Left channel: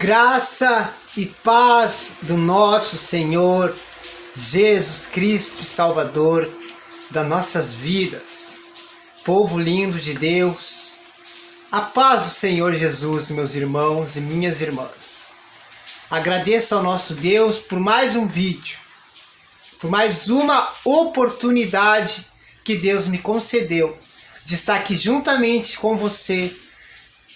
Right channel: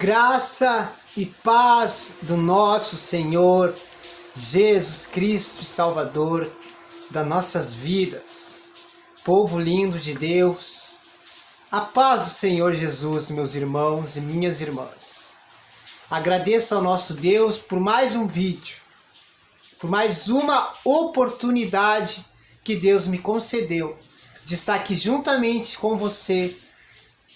Graça e paz do nosso Senhor Jesus Cristo, Salvador das nossas vidas. Povo lindo de Deus, a paz do Senhor Jesus, meus irmãos e minhas irmãs. Agradeço ao nosso Deus por mais um vídeo, por mais uma oportunidade que Deus me concedeu de estar aqui juntamente com você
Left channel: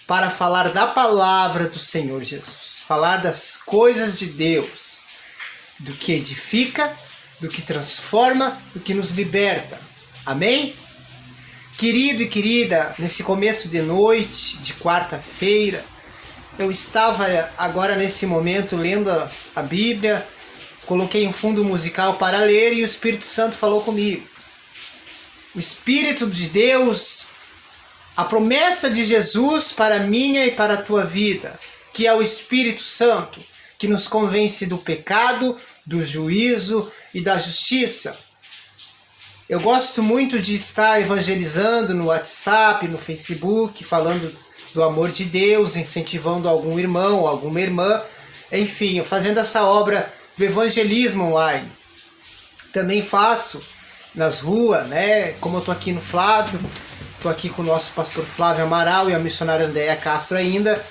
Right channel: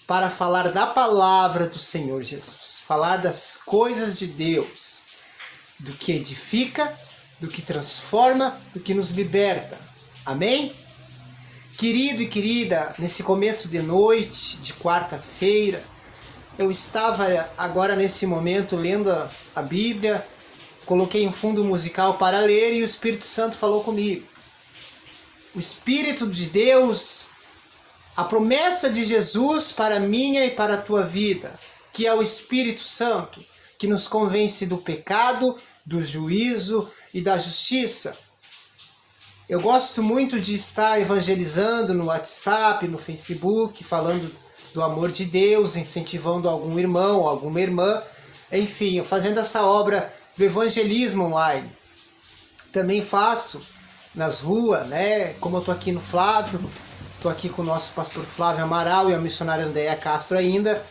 para falar da palavra do Senhor Jesus, falar das coisas de Deus, do que edifica, do que transforma, do que nos liberta. Amém? Querido e querida, nesse começo de noite, de quarta-feira, eu estava agora nesse momento lendo a Bíblia, coloquei um fundo musical para ler e o Espírito Santo falou comigo. O Espírito de Deus, a promessa de Jesus para a minha e para a tua vida, que é o Espírito Santo, que nos convence do pecado, do juízo e da justiça. Eu gosto muito de estar evangelizando no WhatsApp, no Facebook, falando do amor de Deus, incentivando algum irmão, alguma irmã, enfim, fazendo essa obra do evangelismo online. Também faço nas ruas, né? Como eu estou aqui no Flávio, estou aqui com o nosso pastor Flávio Amaral e a missionária Andréia Castro ainda.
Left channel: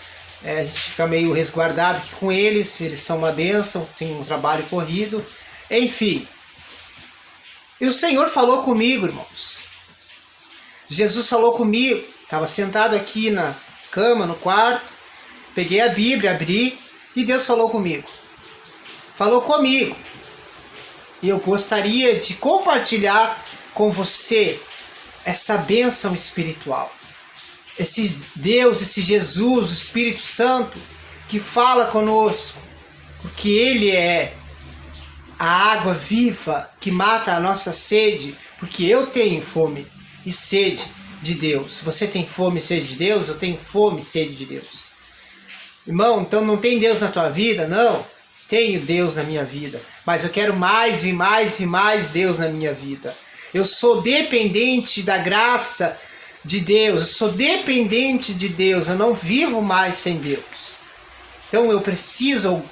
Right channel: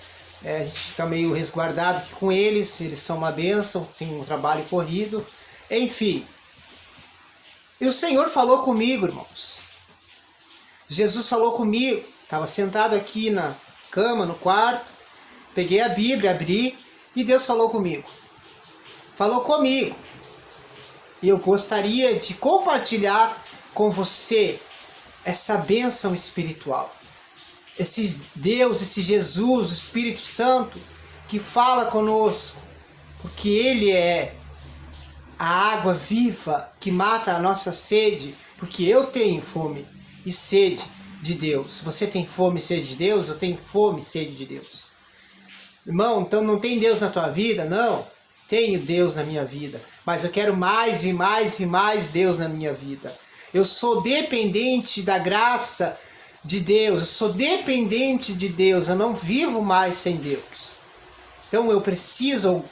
A gente fica meio resguardado aqui com eles são uma bênção, tem um trabalho corrido, enfim. E o Senhor falou comigo, irmãos. Jesus falou comigo, estava sentado aqui na cama, no quarto, peguei a Bíblia, abri e Deus falou comigo. Falou comigo. E eu gostaria de compartilhar com você essa bênção espiritual. Esse Deus, esse Jesus, o Espírito Santo, que fala conosco, porque Ele é a água viva que mata a nossa sede, porque eu tenho fome e sede de Deus. Você tem fome e sede de Deus? Eu tenho fome e sede de Deus. Irmão, então não tem Deus na tua vida? Não, tenho Deus na minha vida, mas eu quero mais e mais e mais Deus na minha vida. Eu sou dependente da graça de Deus, eu sou dependente de Deus, eu não vivo mais sem Deus. Então eu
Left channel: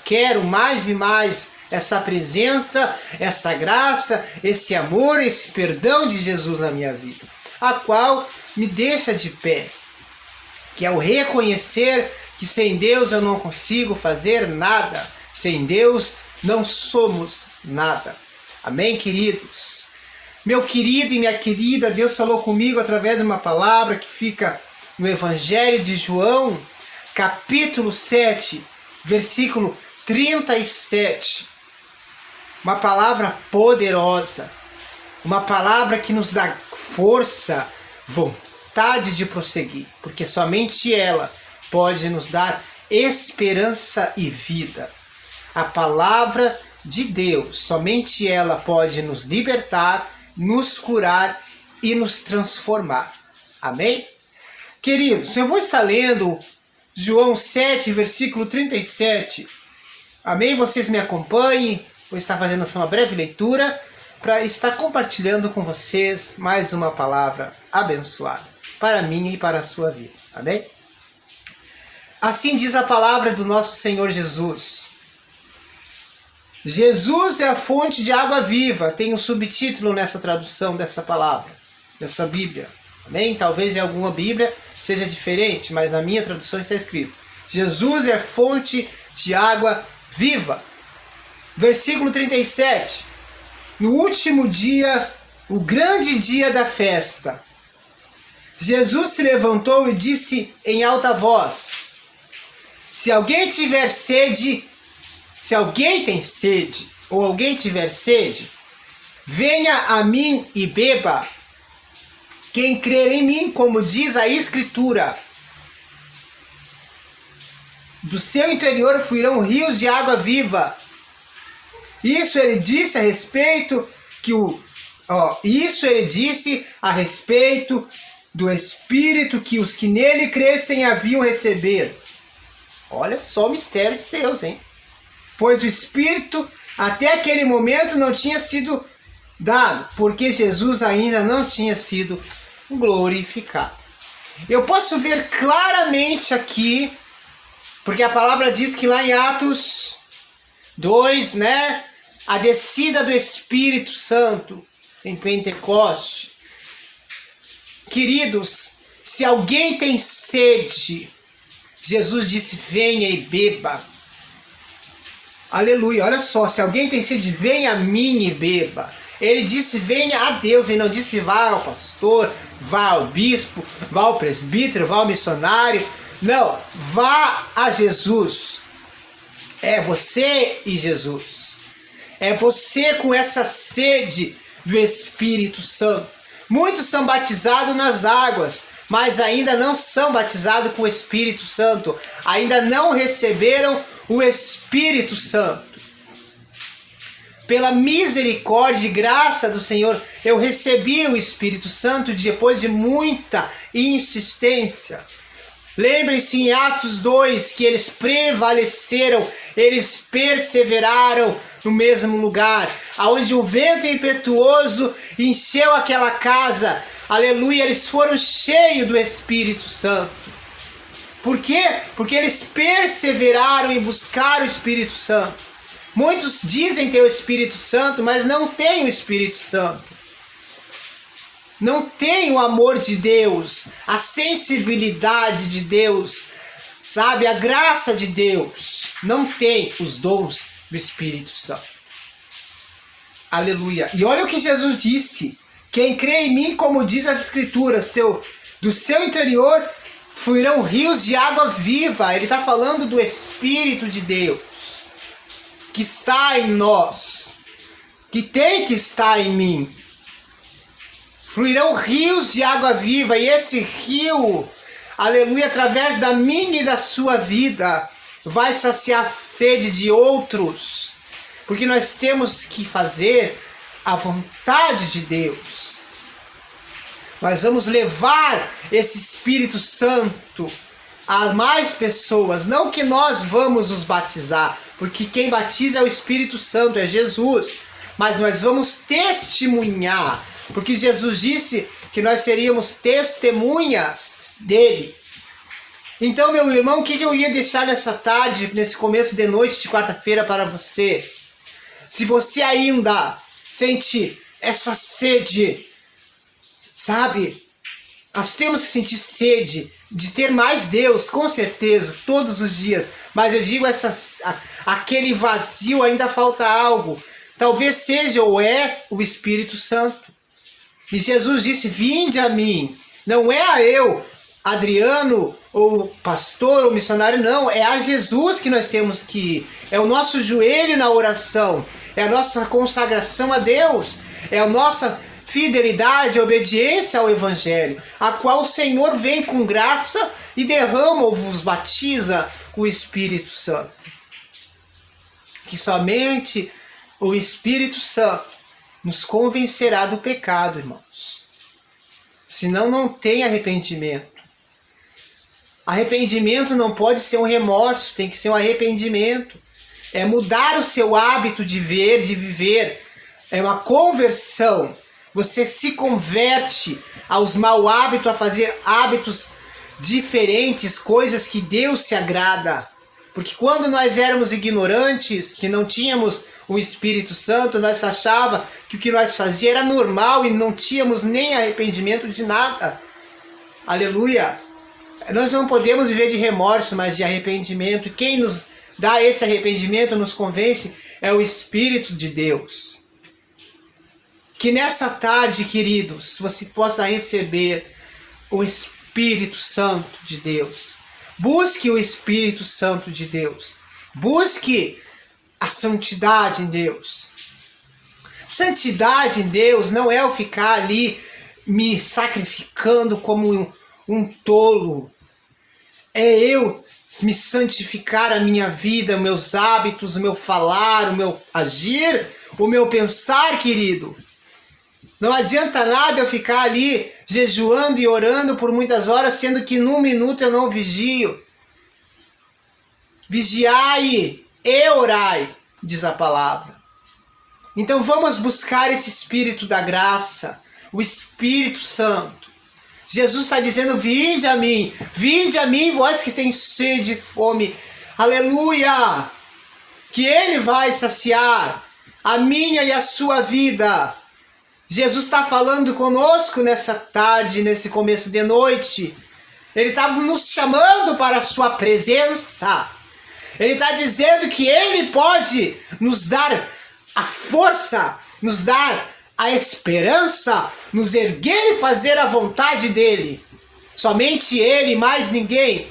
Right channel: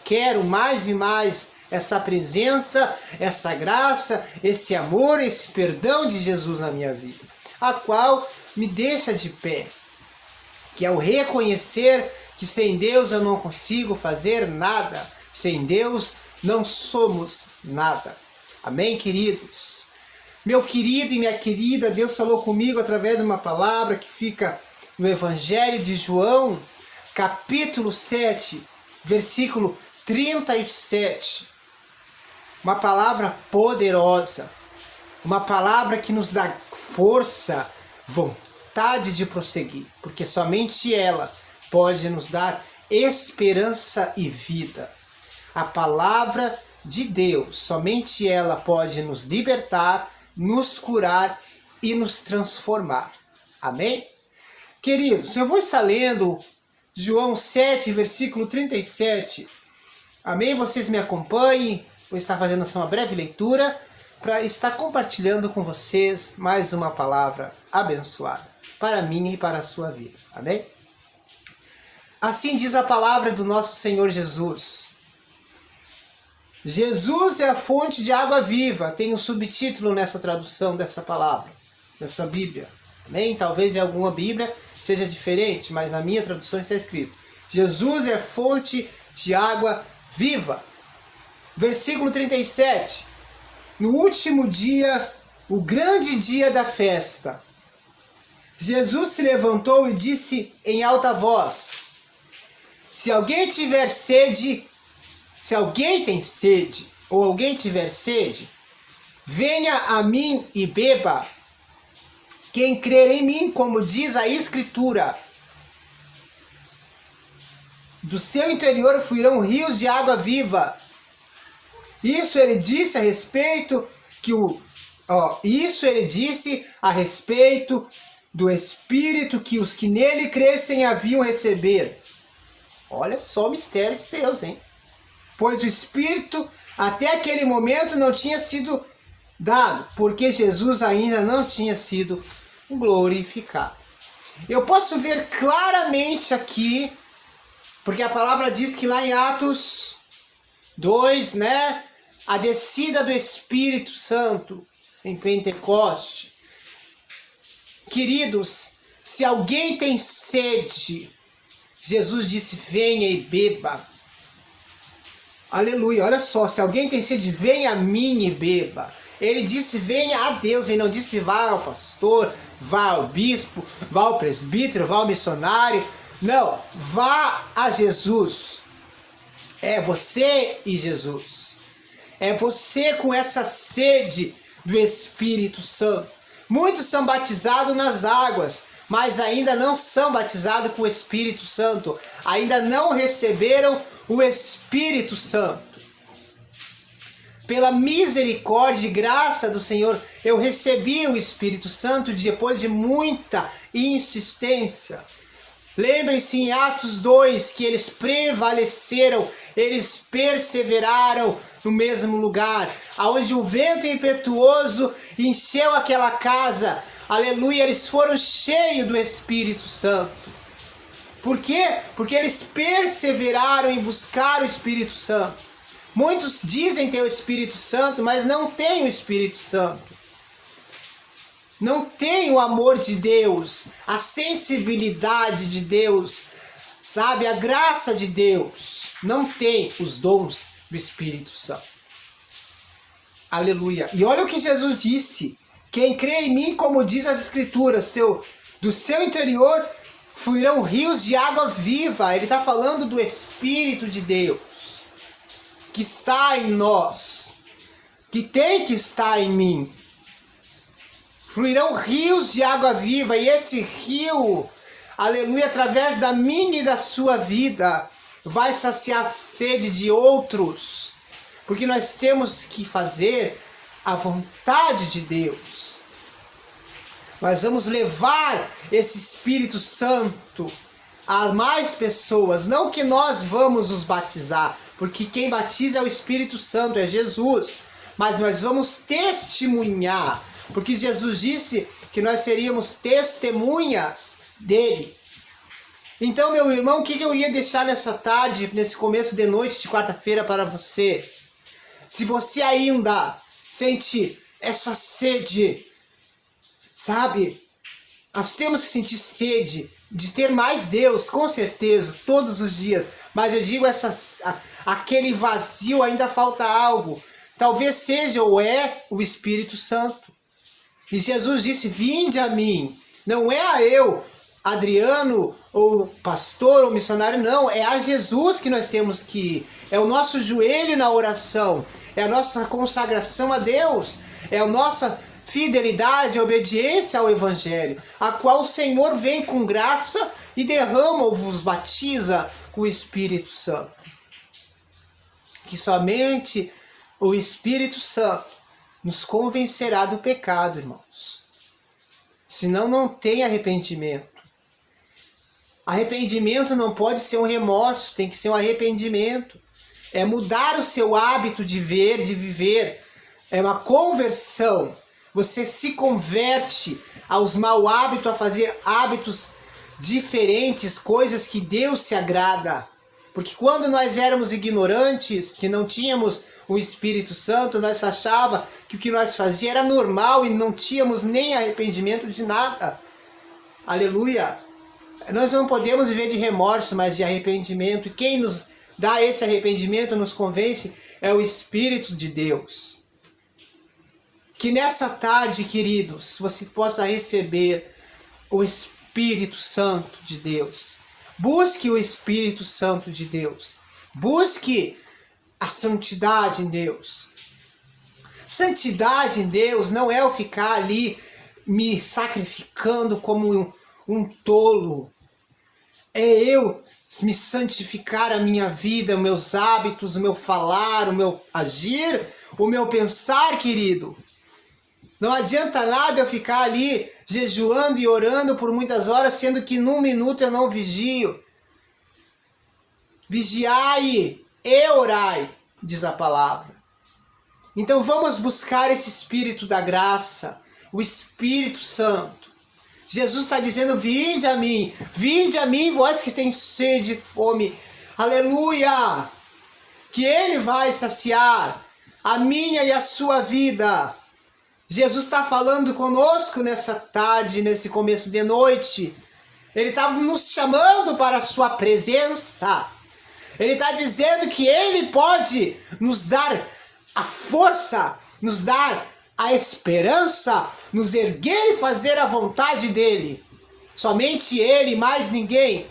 quero mais e mais essa presença, essa graça, esse amor, esse perdão de Jesus na minha vida, a qual me deixa de pé, que é o reconhecer que sem Deus eu não consigo fazer nada, sem Deus não somos nada. Amém, queridos? Meu querido e minha querida, Deus falou comigo através de uma palavra que fica no Evangelho de João, capítulo 7, versículo 37. Uma palavra poderosa, uma palavra que nos dá força, vontade de prosseguir, porque somente ela pode nos dar esperança e vida. A palavra de Deus, somente ela pode nos libertar, nos curar e nos transformar. Amém? Queridos, eu vou estar lendo João 7, versículo 37. Amém? Vocês me acompanhem. Vou estar fazendo uma breve leitura para estar compartilhando com vocês mais uma palavra abençoada para mim e para a sua vida. Amém? Assim diz a palavra do nosso Senhor Jesus. Jesus é a fonte de água viva. Tem um subtítulo nessa tradução dessa palavra, dessa Bíblia. Amém? Talvez em alguma Bíblia seja diferente, mas na minha tradução está escrito: Jesus é a fonte de água viva. Versículo 37. No último dia, o grande dia da festa, Jesus se levantou e disse em alta voz: se alguém tiver sede, se alguém tem sede, ou alguém tiver sede, venha a mim e beba. Quem crer em mim, como diz a Escritura, do seu interior fluirão rios de água viva. Isso ele disse a respeito do Espírito que os que nele crescem haviam recebido. Olha só o mistério de Deus, hein? Pois o Espírito até aquele momento não tinha sido dado, porque Jesus ainda não tinha sido glorificado. Eu posso ver claramente aqui Porque a palavra diz que lá em Atos 2, né? A descida do Espírito Santo em Pentecoste. Queridos, se alguém tem sede, Jesus disse, venha e beba. Aleluia, olha só, se alguém tem sede, venha a mim e beba. Ele disse, venha a Deus, ele não disse, vá ao pastor, vá ao bispo, vá ao presbítero, vá ao missionário. Não, vá a Jesus. É você e Jesus. É você com essa sede do Espírito Santo. Muitos são batizados nas águas, mas ainda não são batizados com o Espírito Santo. Ainda não receberam o Espírito Santo. Pela misericórdia e graça do Senhor, eu recebi o Espírito Santo depois de muita insistência. Lembrem-se em Atos 2 que eles prevaleceram, eles perseveraram no mesmo lugar, aonde um vento impetuoso encheu aquela casa. Aleluia, eles foram cheios do Espírito Santo. Por quê? Porque eles perseveraram em buscar o Espírito Santo. Muitos dizem ter o Espírito Santo, mas não têm o Espírito Santo. Não tem o amor de Deus, a sensibilidade de Deus, sabe? A graça de Deus. Não tem os dons do Espírito Santo. Aleluia. E olha o que Jesus disse. Quem crê em mim, como diz as Escrituras, do seu interior fluirão rios de água viva. Ele está falando do Espírito de Deus, que está em nós, que tem que estar em mim. Fluirão rios de água viva, e esse rio, aleluia, através da minha e da sua vida, vai saciar a sede de outros, porque nós temos que fazer a vontade de Deus. Nós vamos levar esse Espírito Santo a mais pessoas, não que nós vamos os batizar, porque quem batiza é o Espírito Santo, é Jesus, mas nós vamos testemunhar, porque Jesus disse que nós seríamos testemunhas dele. Então, meu irmão, o que eu ia deixar nessa tarde, nesse começo de noite de quarta-feira para você? Se você ainda sente essa sede, sabe? Nós temos que sentir sede de ter mais Deus, com certeza, todos os dias. Mas eu digo, aquele vazio, ainda falta algo. Talvez seja ou é o Espírito Santo. E Jesus disse, vinde a mim. Não é a eu, Adriano, ou pastor, ou missionário, não. É a Jesus que nós temos que ir. É o nosso joelho na oração. É a nossa consagração a Deus. É a nossa fidelidade, obediência ao Evangelho, a qual o Senhor vem com graça e derrama ou vos batiza com o Espírito Santo. Que somente o Espírito Santo nos convencerá do pecado, irmãos. Senão não tem arrependimento. Arrependimento não pode ser um remorso, tem que ser um arrependimento. É mudar o seu hábito de ver, de viver. É uma conversão. Você se converte aos maus hábitos, a fazer hábitos diferentes, coisas que Deus se agrada. Porque quando nós éramos ignorantes, que não tínhamos o Espírito Santo, nós achávamos que o que nós fazíamos era normal e não tínhamos nem arrependimento de nada. Aleluia! Nós não podemos viver de remorso, mas de arrependimento. E quem nos dá esse arrependimento, nos convence, é o Espírito de Deus. Que nessa tarde, queridos, você possa receber o Espírito Santo de Deus. Busque o Espírito Santo de Deus. Busque a santidade em Deus. Santidade em Deus não é eu ficar ali me sacrificando como um tolo. É eu me santificar a minha vida, meus hábitos, o meu falar, o meu agir, o meu pensar, querido. Não adianta nada eu ficar ali jejuando e orando por muitas horas, sendo que num minuto eu não vigio. Vigiai e orai, diz a palavra. Então vamos buscar esse Espírito da graça, o Espírito Santo. Jesus está dizendo, vinde a mim, vós que tem sede e fome. Aleluia! Que Ele vai saciar a minha e a sua vida. Jesus está falando conosco nessa tarde, nesse começo de noite. Ele está nos chamando para a sua presença. Ele está dizendo que Ele pode nos dar a força, nos dar a esperança, nos erguer e fazer a vontade dEle. Somente Ele, mais ninguém.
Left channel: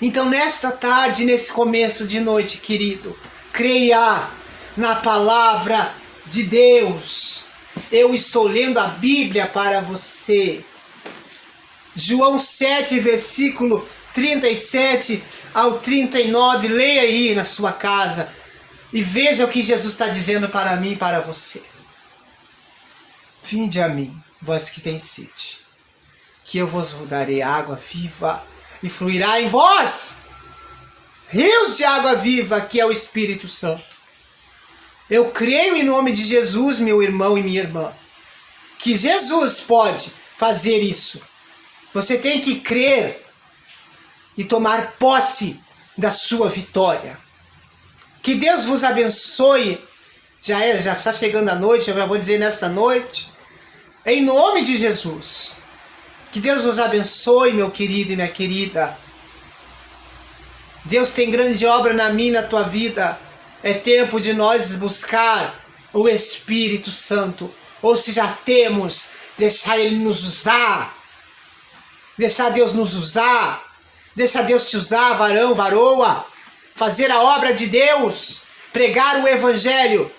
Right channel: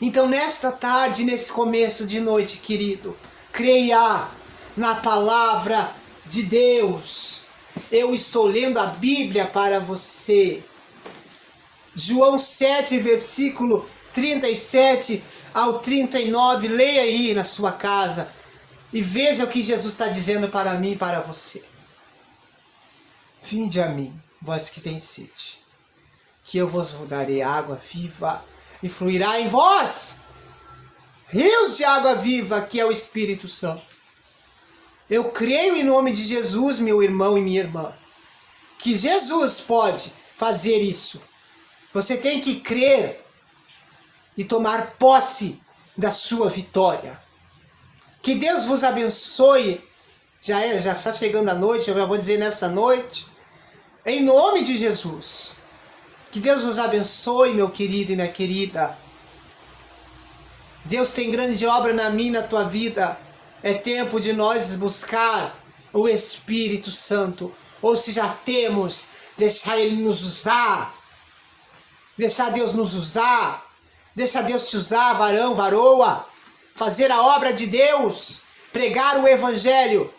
Então, nesta tarde, nesse começo de noite, querido, creia na palavra de Deus. Eu estou lendo a Bíblia para você. João 7, versículo 37 ao 39. Leia aí na sua casa e veja o que Jesus está dizendo para mim e para você. Vinde a mim, vós que tens sede, que eu vos darei água viva, e fluirá em vós rios de água viva, que é o Espírito Santo. Eu creio em nome de Jesus, meu irmão e minha irmã, que Jesus pode fazer isso. Você tem que crer e tomar posse da sua vitória. Que Deus vos abençoe. Já está chegando a noite, eu já vou dizer nessa noite, em nome de Jesus. Que Deus vos abençoe, meu querido e minha querida. Deus tem grande obra na minha e na tua vida. É tempo de nós buscar o Espírito Santo. Ou se já temos, deixar Ele nos usar. Deixar Deus nos usar. Deixa Deus te usar, varão, varoa. Fazer a obra de Deus. Pregar o Evangelho.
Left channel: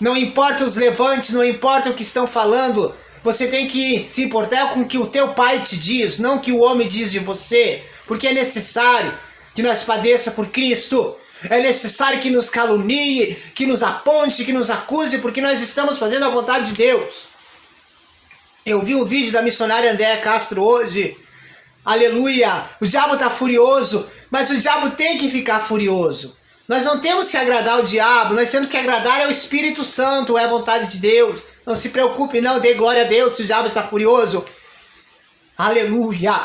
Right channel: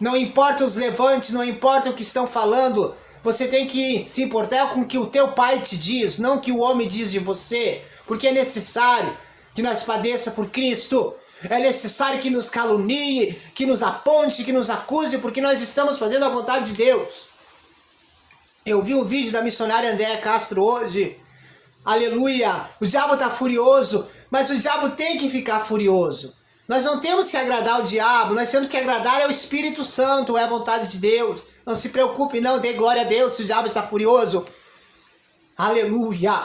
Não importa os levantes, não importa o que estão falando. Você tem que se importar com o que o teu pai te diz, não o que o homem diz de você. Porque é necessário que nós padeça por Cristo. É necessário que nos calunie, que nos aponte, que nos acuse, porque nós estamos fazendo a vontade de Deus. Eu vi um vídeo da missionária Andréa Castro hoje. Aleluia! O diabo está furioso, mas o diabo tem que ficar furioso. Nós não temos que agradar o diabo, nós temos que agradar ao Espírito Santo, é a vontade de Deus. Não se preocupe, não, dê glória a Deus se o diabo está furioso. Aleluia!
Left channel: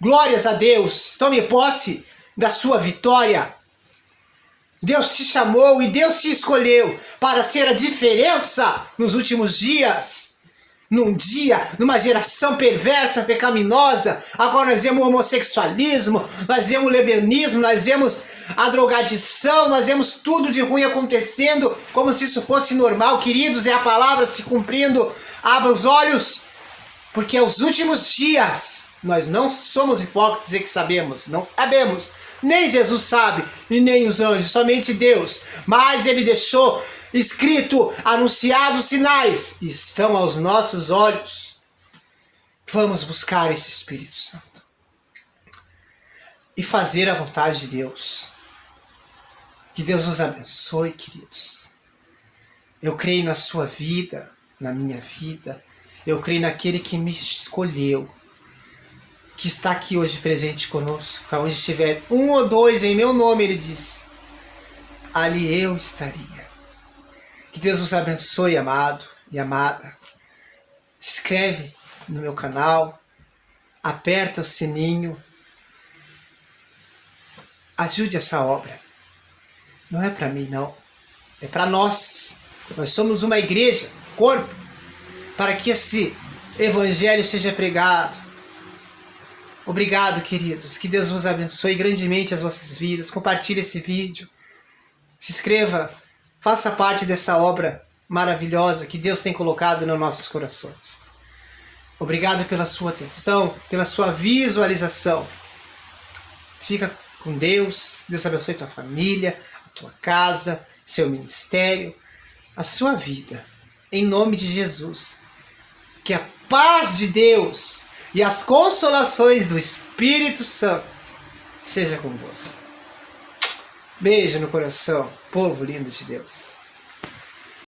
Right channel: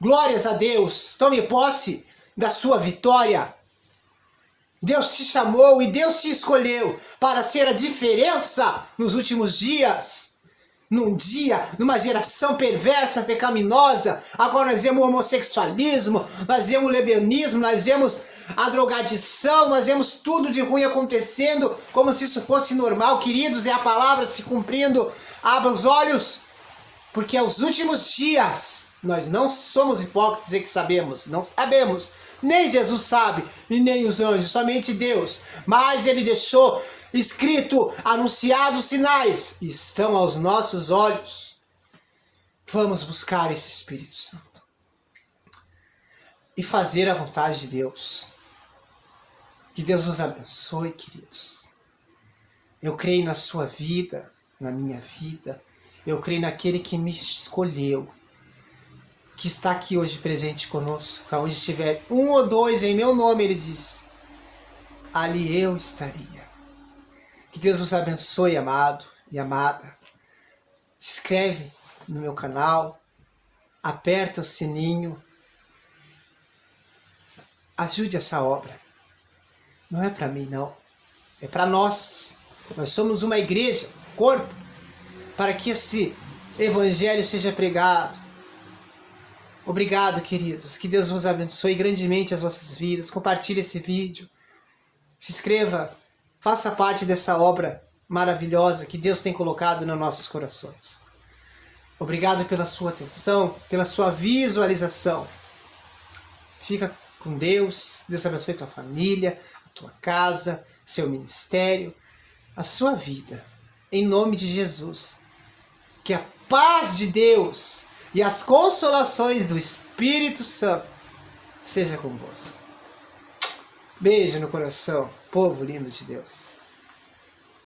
Glórias a Deus, tome posse da sua vitória. Deus te chamou e Deus te escolheu para ser a diferença nos últimos dias. Numa geração perversa, pecaminosa. Agora nós vemos o homossexualismo, nós vemos o lesbianismo, nós vemos a drogadição, nós vemos tudo de ruim acontecendo como se isso fosse normal. Queridos, é a palavra se cumprindo. Abra os olhos, porque é os últimos dias. Nós não somos hipócritas e que sabemos, não sabemos. Nem Jesus sabe e nem os anjos, somente Deus. Mas Ele deixou escrito, anunciado os sinais, estão aos nossos olhos. Vamos buscar esse Espírito Santo e fazer a vontade de Deus. Que Deus nos abençoe, queridos. Eu creio na sua vida, na minha vida. Eu creio naquele que me escolheu, que está aqui hoje presente conosco. Onde estiver um ou dois em meu nome, Ele disse, ali eu estaria. Que Deus vos abençoe, amado e amada. Se inscreve no meu canal, aperta o sininho, ajude essa obra. Não é para mim, não. É para nós. Nós somos uma igreja, corpo, para que esse evangelho seja pregado. Obrigado, queridos. Que Deus vos abençoe grandemente as vossas vidas. Compartilhe esse vídeo. Se inscreva. Faça parte dessa obra maravilhosa que Deus tem colocado nos nossos corações. Obrigado pela sua atenção, pela sua visualização. Fica com Deus. Deus abençoe tua família, a tua casa, seu ministério, a sua vida. Em nome de Jesus. Que a paz de Deus e as consolações do Espírito Santo seja convosco. Beijo no coração, povo lindo de Deus.